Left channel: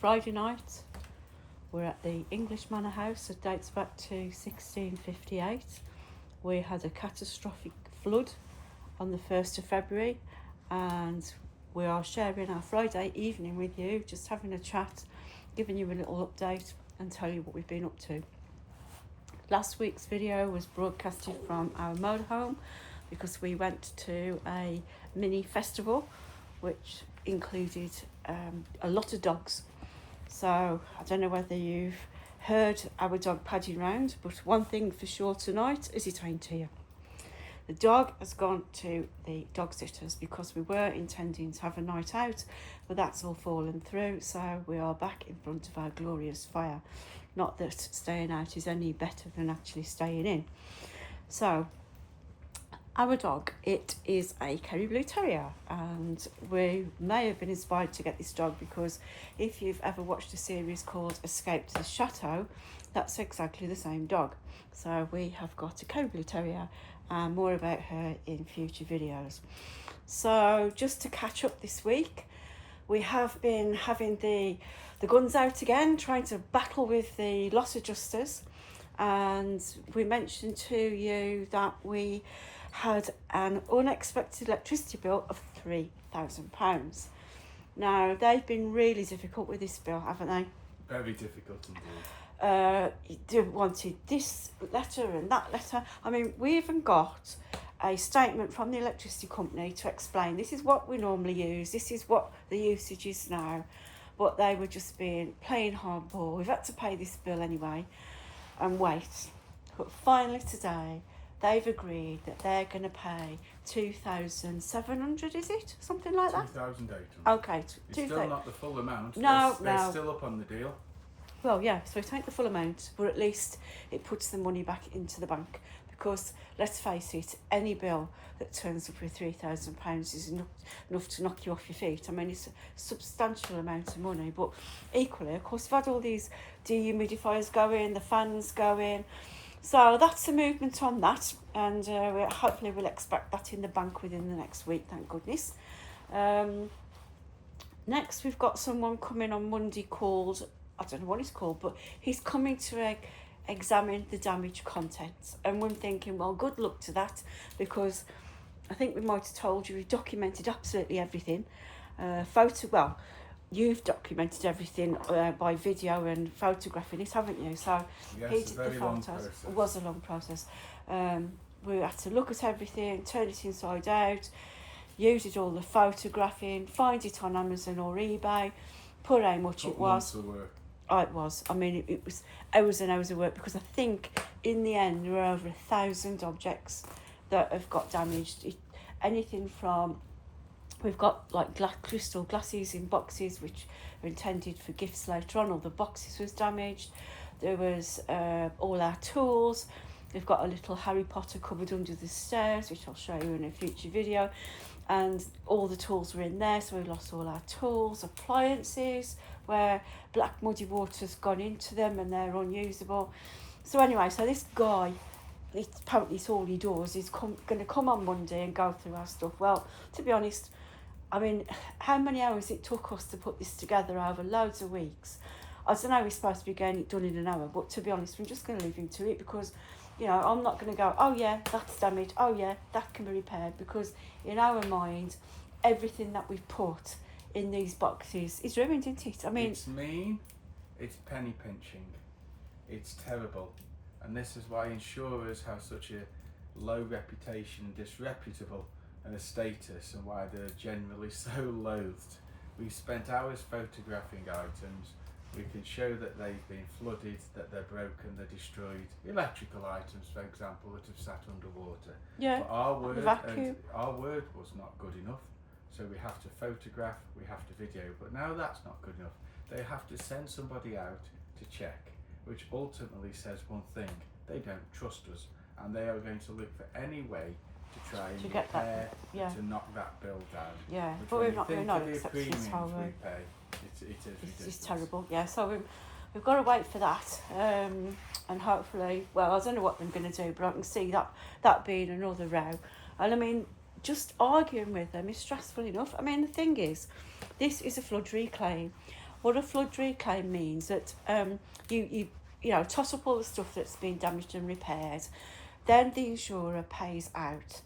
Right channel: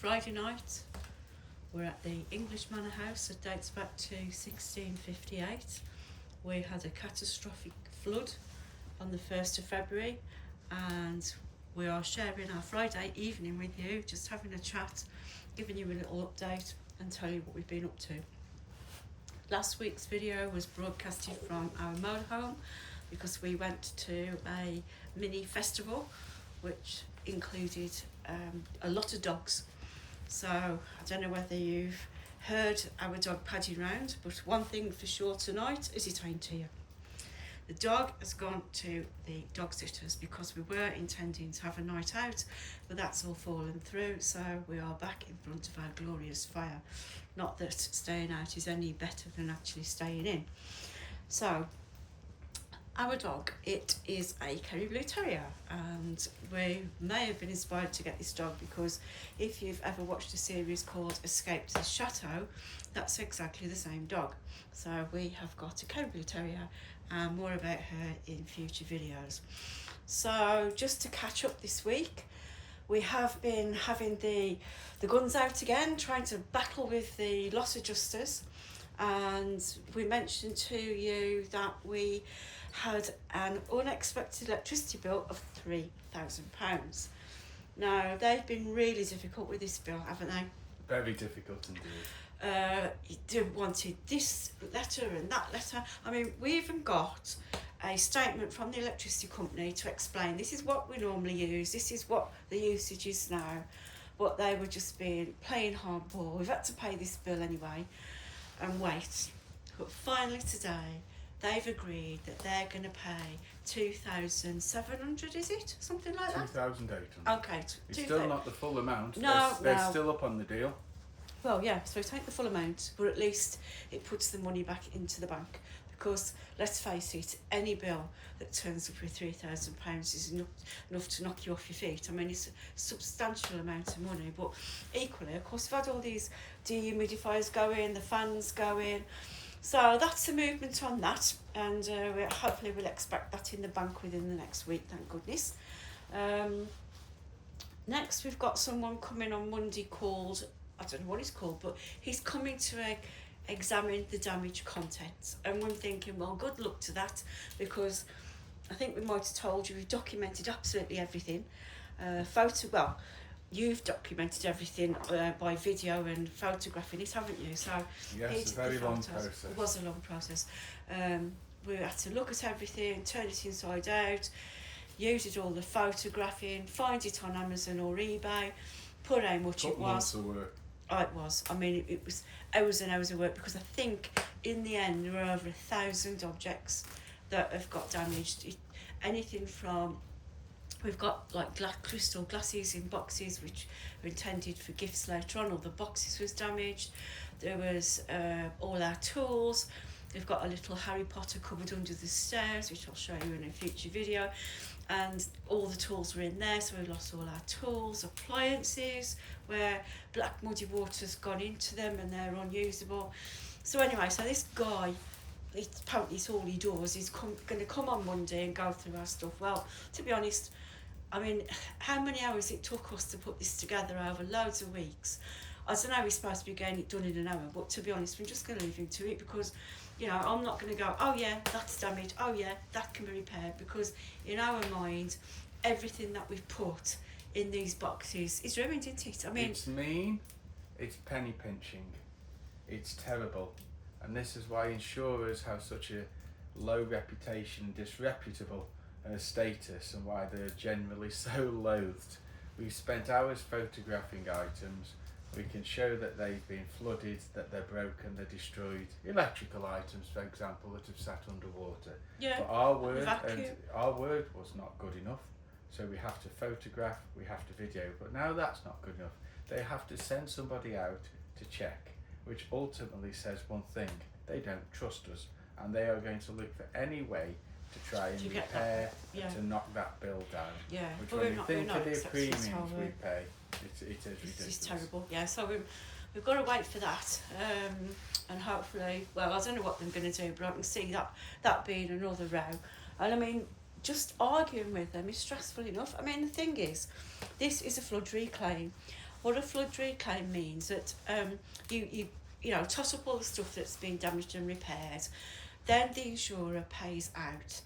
Friday night. We're at the English Manor House. It dates back to 1658. We had a catastrophic flood on the 1st of February, and we are sharing our Friday evening with you, just having a chat, giving you a little update and tell you what we've been up to. Last week's video was broadcasted from our motorhome because we went to a mini festival which included a lot of dogs. So I don't know whether you've heard our dog Paddy round, but one thing for sure tonight is it ain't here. The dog has gone to the dog sitters because we were intending to have a night out, but that's all fallen through, so we are back in front of our glorious fire. Not that staying out is any better than actually staying in. So our dog, it is a Kerry Blue Terrier, and we may have been inspired to get this dog because if you've ever watched a series called Escape to the Chateau, that's exactly the same dog. So we have got a Kerry Blue Terrier, and more about her in future videos. So just to catch up this week, we have been having the guns out again, trying to battle with the loss adjusters, and we mentioned to you that we had an unexpected electricity bill of £3,000. Now, they've been really difficult with this bill, haven't they? Very difficult indeed. They wanted this letter and that letter. I mean, we even got a statement from the electricity company to explain this is what we normally use, this is what the usage is now, but they were just being plain hardball. We've had to pay this bill anyway and wait. But finally today, they've agreed that they're going to pay 2,700, is it? Something like that? 2,800. Okay. It's still not the full amount. No, they're still up on the deal. Well, yeah, so it ain't the full amount, but at least it puts the money back into the bank. Because, let's face it, any bill that turns up with £3,000 is enough to knock you off your feet. I mean, it's a substantial amount of money, but equally, of course, we've had all these dehumidifiers going, the fans going. So that's the movement on that, and hopefully we'll expect that in the bank within the next week, thank goodness. Next, we've got someone coming on Monday called, I don't know what he's called, but he's coming to examine the damaged contents, and we're thinking, well, good luck to that, because I think we might have told you we've documented absolutely everything. You've documented everything by video and photographing it, haven't you? So yes, a very long process. It was a long process. We had to look at everything, turn it inside out, use it all the photographing, find it on Amazon or eBay, put how much it was. Months of work. Oh, it was. I mean, it was hours and hours of work, because I think in the end there were over 1,000 objects that have got damaged. Anything from, we've got like crystal glasses in boxes which are intended for gifts later on. All the boxes was damaged. There was all our tools. We've got a little Harry Potter cupboard under the stairs, which I'll show you in a future video. And all the tools were in there, so we lost all our tools, appliances, where black muddy water's gone into them and they're unusable. So anyway, so this guy, apparently it's all he does, he's going to come on Monday and go through our stuff. Well, to be honest, I mean, how many hours it took us to put this together over loads of weeks. I don't know, we're supposed to be getting it done in an hour, but to be honest, we're just going to leave him to it, because, you know, I'm not going to go, oh yeah, that's damaged, oh yeah, that can be repaired, because in our mind, everything that we've put in these boxes is ruined, isn't it? I mean, it's mean, it's penny pinching, it's terrible, and this is why insurers have such a low reputation, disreputable status, and why they're generally so loathed. We've spent hours photographing items. We can show that they've been flooded, that they're broken, they're destroyed. Electrical items, for example, that have sat underwater. Yeah. But our word was not good enough. So we have to photograph, we have to video, but now that's not good enough. They have to send somebody out to check, which ultimately says one thing: they don't trust us, and they are going to look for any way to try and repair, to knock that bill down. Yeah, which, but when you think of the premiums we pay, it is ridiculous. It's terrible. Yeah, so we've got to wait for that, and hopefully, well, I don't know what I'm going to do, but I can see that being another row. And I mean, just arguing with them is stressful enough. I mean, the thing is, this is a flood reclaim. What a flood reclaim means that you know, toss up all the stuff that's been damaged and repaired, then the insurer pays out,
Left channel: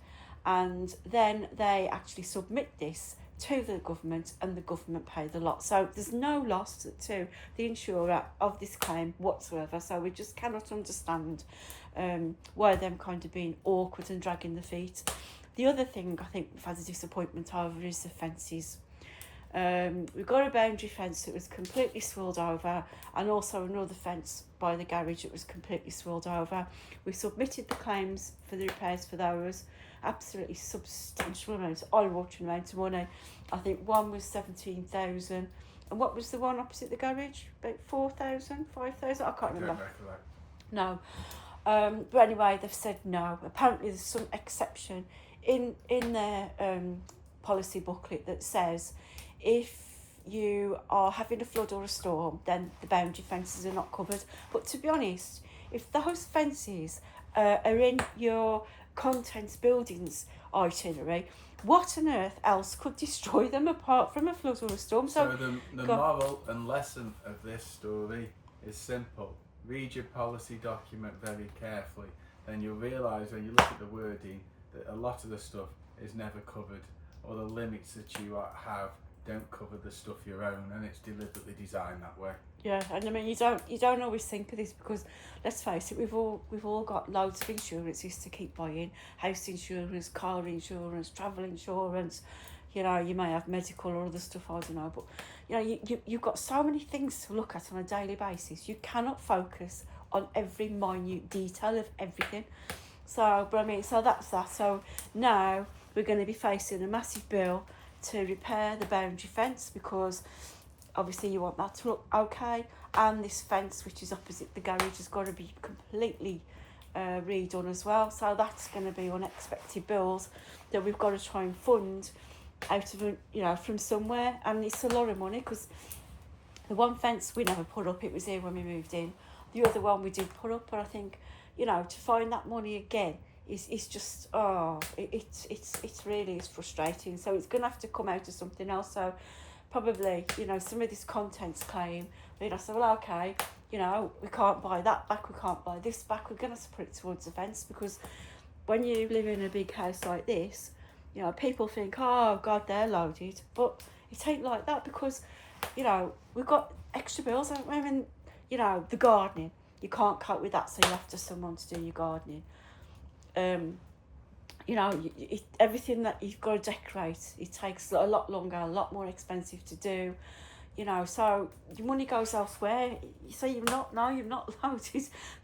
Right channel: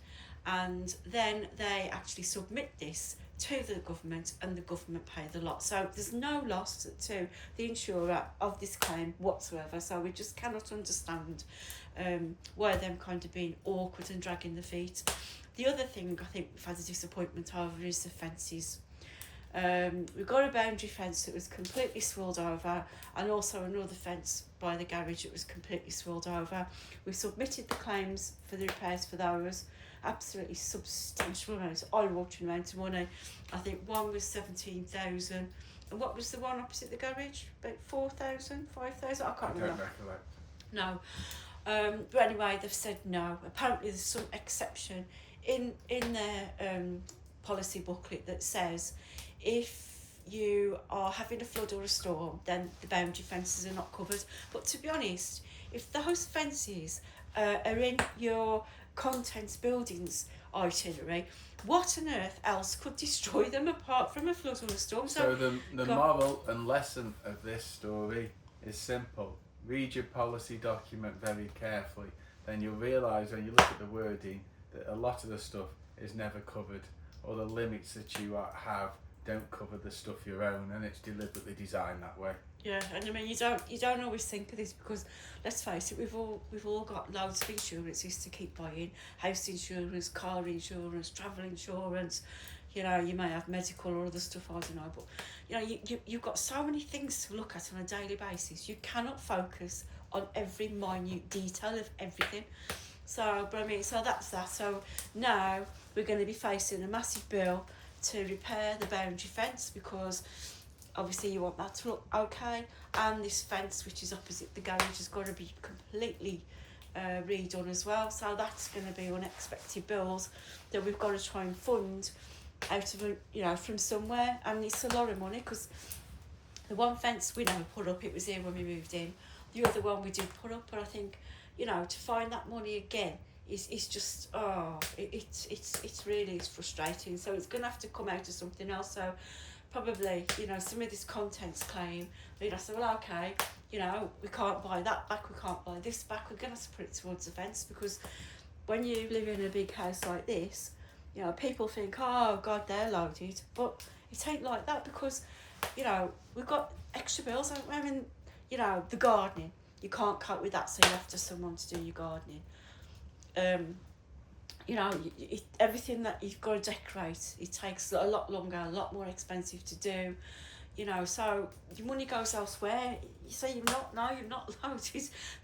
and then they actually submit this to the government, and the government pay the lot. So there's no loss to the insurer of this claim whatsoever. So we just cannot understand why them kind of being awkward and dragging the feet. The other thing I think we've had a disappointment over is the fences. We've got a boundary fence that was completely swirled over, and also another fence by the garage that was completely swirled over. We submitted the claims for the repairs for those, absolutely substantial amounts, eye-watering amounts of money. I think one was 17,000, and what was the one opposite the garage? About 4,000, 5,000? I can't remember. No. But anyway, they've said no. Apparently there's some exception in their policy booklet that says if you are having a flood or a storm, then the boundary fences are not covered. But to be honest, if those fences are in your contents buildings itinerary, what on earth else could destroy them apart from a flood or a storm? So the moral and lesson of this story is simple. Read your policy document very carefully, then you'll realise when you look at the wording that a lot of the stuff is never covered, or the limits that you have don't cover the stuff you own, and it's deliberately designed that way. Yeah, and I mean you don't always think of this, because let's face it, we've all got loads of insurances to keep buying: house insurance, car insurance, travel insurance. You know, you may have medical or other stuff, I don't know, but you know, you've got so many things to look at on a daily basis. You cannot focus on every minute detail of everything. So, but I mean, so that's that. So now we're going to be facing a massive bill to repair the boundary fence, because obviously you want that to look okay, and this fence which is opposite the garage has got to be completely redone as well. So that's going to be unexpected bills that we've got to try and fund out of, you know, from somewhere, and it's a lot of money, because the one fence we never put up, it was here when we moved in. The other one we did put up, but I think, you know, to find that money again is just it's really frustrating. So it's going to have to come out of something else. So probably, you know, some of this contents claim, you know, say, well, okay, you know, we can't buy that back, we can't buy this back, we're going to have to put it towards the fence, because when you live in a big house like this, you know, people think, oh God, they're loaded, but it ain't like that, because, you know, we've got extra bills, haven't we? I mean, you know, the gardening, you can't cope with that, so you have to someone to do your gardening. You know, everything that you've got to decorate, it takes a lot longer, a lot more expensive to do. You know, so your money goes elsewhere. You say you're not loaded,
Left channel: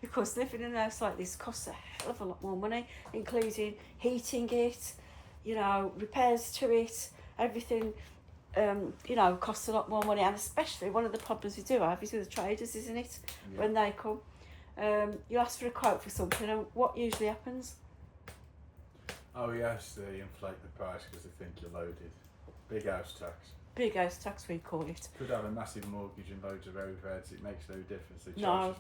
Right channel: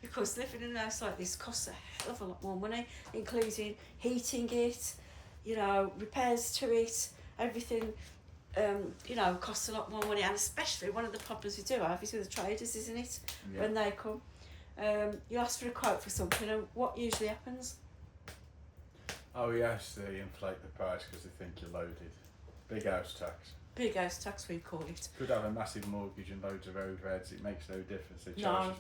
because living in a house like this costs a hell of a lot more money, including heating it, you know, repairs to it, everything. You know, costs a lot more money, and especially one of the problems we do have is with the traders, isn't it? Yeah. When they come, you ask for a quote for something, and what usually happens? Oh yes, they inflate the price because they think you're loaded. Big house tax. Big house tax, we call it. Could have a massive mortgage and loads of overheads. It makes no difference. They charge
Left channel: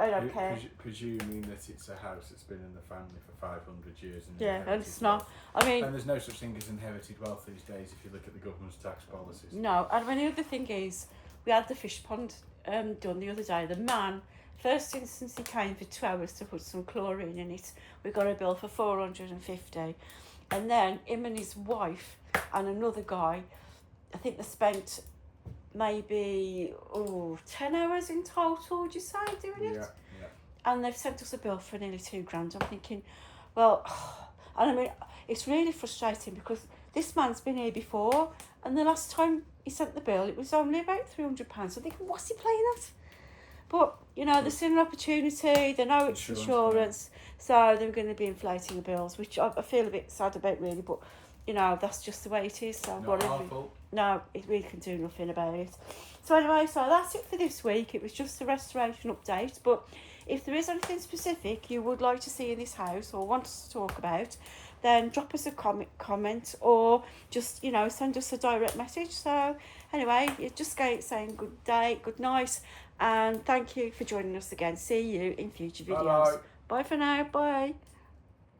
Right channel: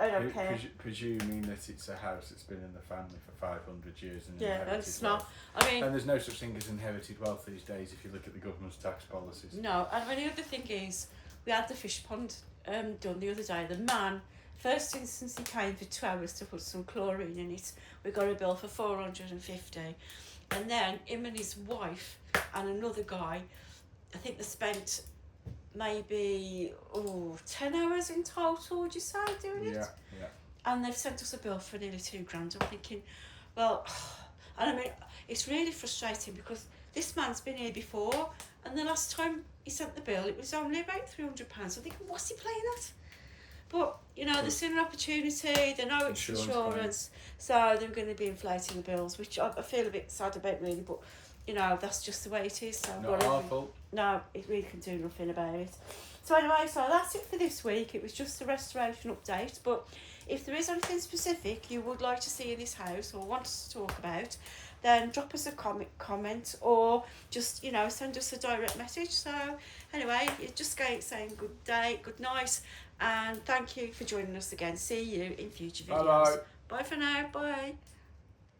I don't care. Presuming that it's a house that's been in the family for 500 years and inherited. And it's not. I mean, and there's no such thing as inherited wealth these days if you look at the government's tax policies. No, I mean, the other thing is, we had the fish pond done the other day. The man, first instance he came for 2 hours to put some chlorine in it. We got a bill for 450, and then him and his wife and another guy, I think they spent maybe 10 hours in total, would you say, doing it? Yeah. And they've sent us a bill for nearly £2,000. I'm thinking, well, and I mean, it's really frustrating, because this man's been here before, and the last time he sent the bill, it was only about £300. I'm thinking, what's he playing at? But, you know, they've seen an opportunity, they know it's insurance, so they're going to be inflating the bills, which I feel a bit sad about, really, but, you know, that's just the way it is. So not our fault. No, we can do nothing about it. So anyway, so that's it for this week. It was just a restoration update, but if there is anything specific you would like to see in this house or want us to talk about, then drop us a comment, or just, you know, send us a direct message. So anyway, you just saying good day, good night, and thank you for joining us again. See you in future videos. Bye. Bye for now. Bye.